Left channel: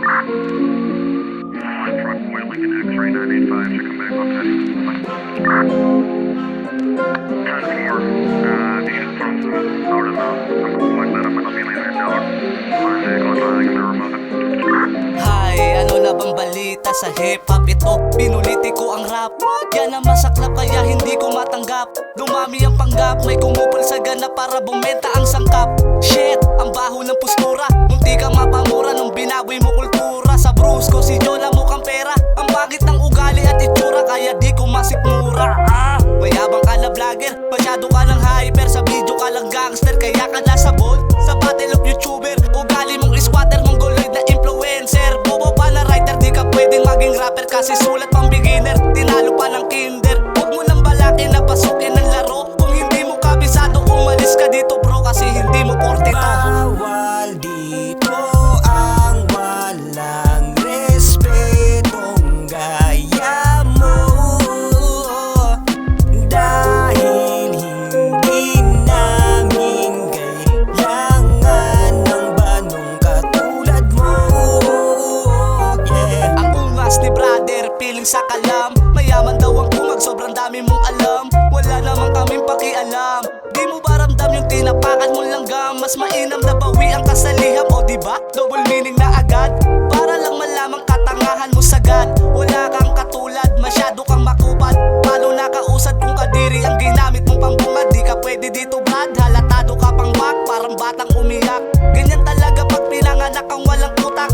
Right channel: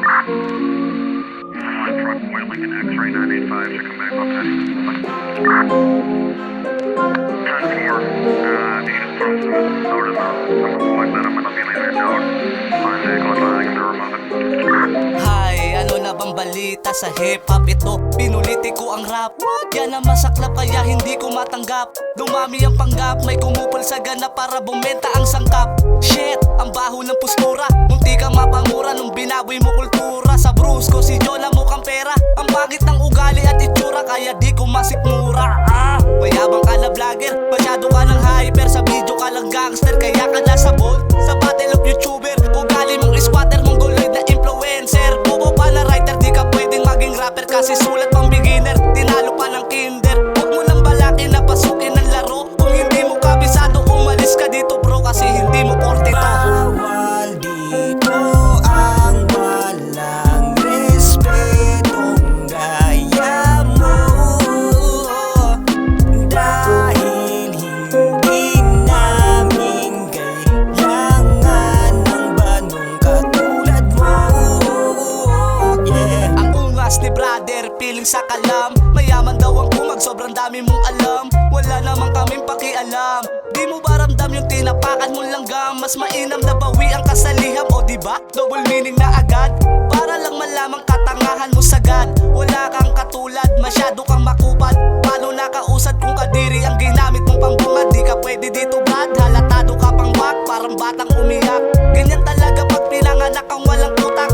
Truck, White Lincoln X-ray 985, should come back up 10-4, die is from Noorden aan Magdala Manapili na dog. Ang vehicle is lying in the remote. Hi, ano na bang balita sa hip-hop ito? Pinuliti ko ang rap. Yan ang masaklap kaya hindi ko matanggap. Dumami ang panggap, may kumupol sa ganap para bumenta ang sangkap. Shit, ang baho ng postura. Munti ka mapamura nung binaboy mo kultura. Sa brusko si Jola mukhang pera. Ang bagit ng ugali at itsura kaya di ko masikmura. Mayabang ka na vlogger, masyado ka ng hyper. Sa video ka lang gangster, kaya ka nasa bold. Sa battle of YouTuber, ugali mong squatter, mongoloid na influencer. Bobo pa na writer, di ka pwedeng maging rapper. Kasi sulat pang beginner, tinalo pa ng kinder. Huwag mo nang balakin na pasukin ng laro. Kung hindi mo kabisado, umalis ka dito bro. Kasi hindi mo porte to. Bawal dito ang walang respetong gaya mo. Dahil hindi namin kailangan ng banong katulad mo. Yeah. Ang ungas ni brother, piling sa kalam. Mayaman daw ang kumag, sobrang dami mong alam. Wala naman kaming pakialam. Di mo ba ramdam yung tinapakan mong langgam? Mas mainam na bawi ang kasaliham, o diba? Double meaning na agad. Para lang malamang katangahan mo sagad. Wala kang katulad, masyado kang makupad. Palo nakausad kung kadiri ang ginamit mong pambungad. Di ka pwede dito brad, halatado ka pang wak. Parang batang umiyak. Ganyan talaga pag pinanganak kang walang utak.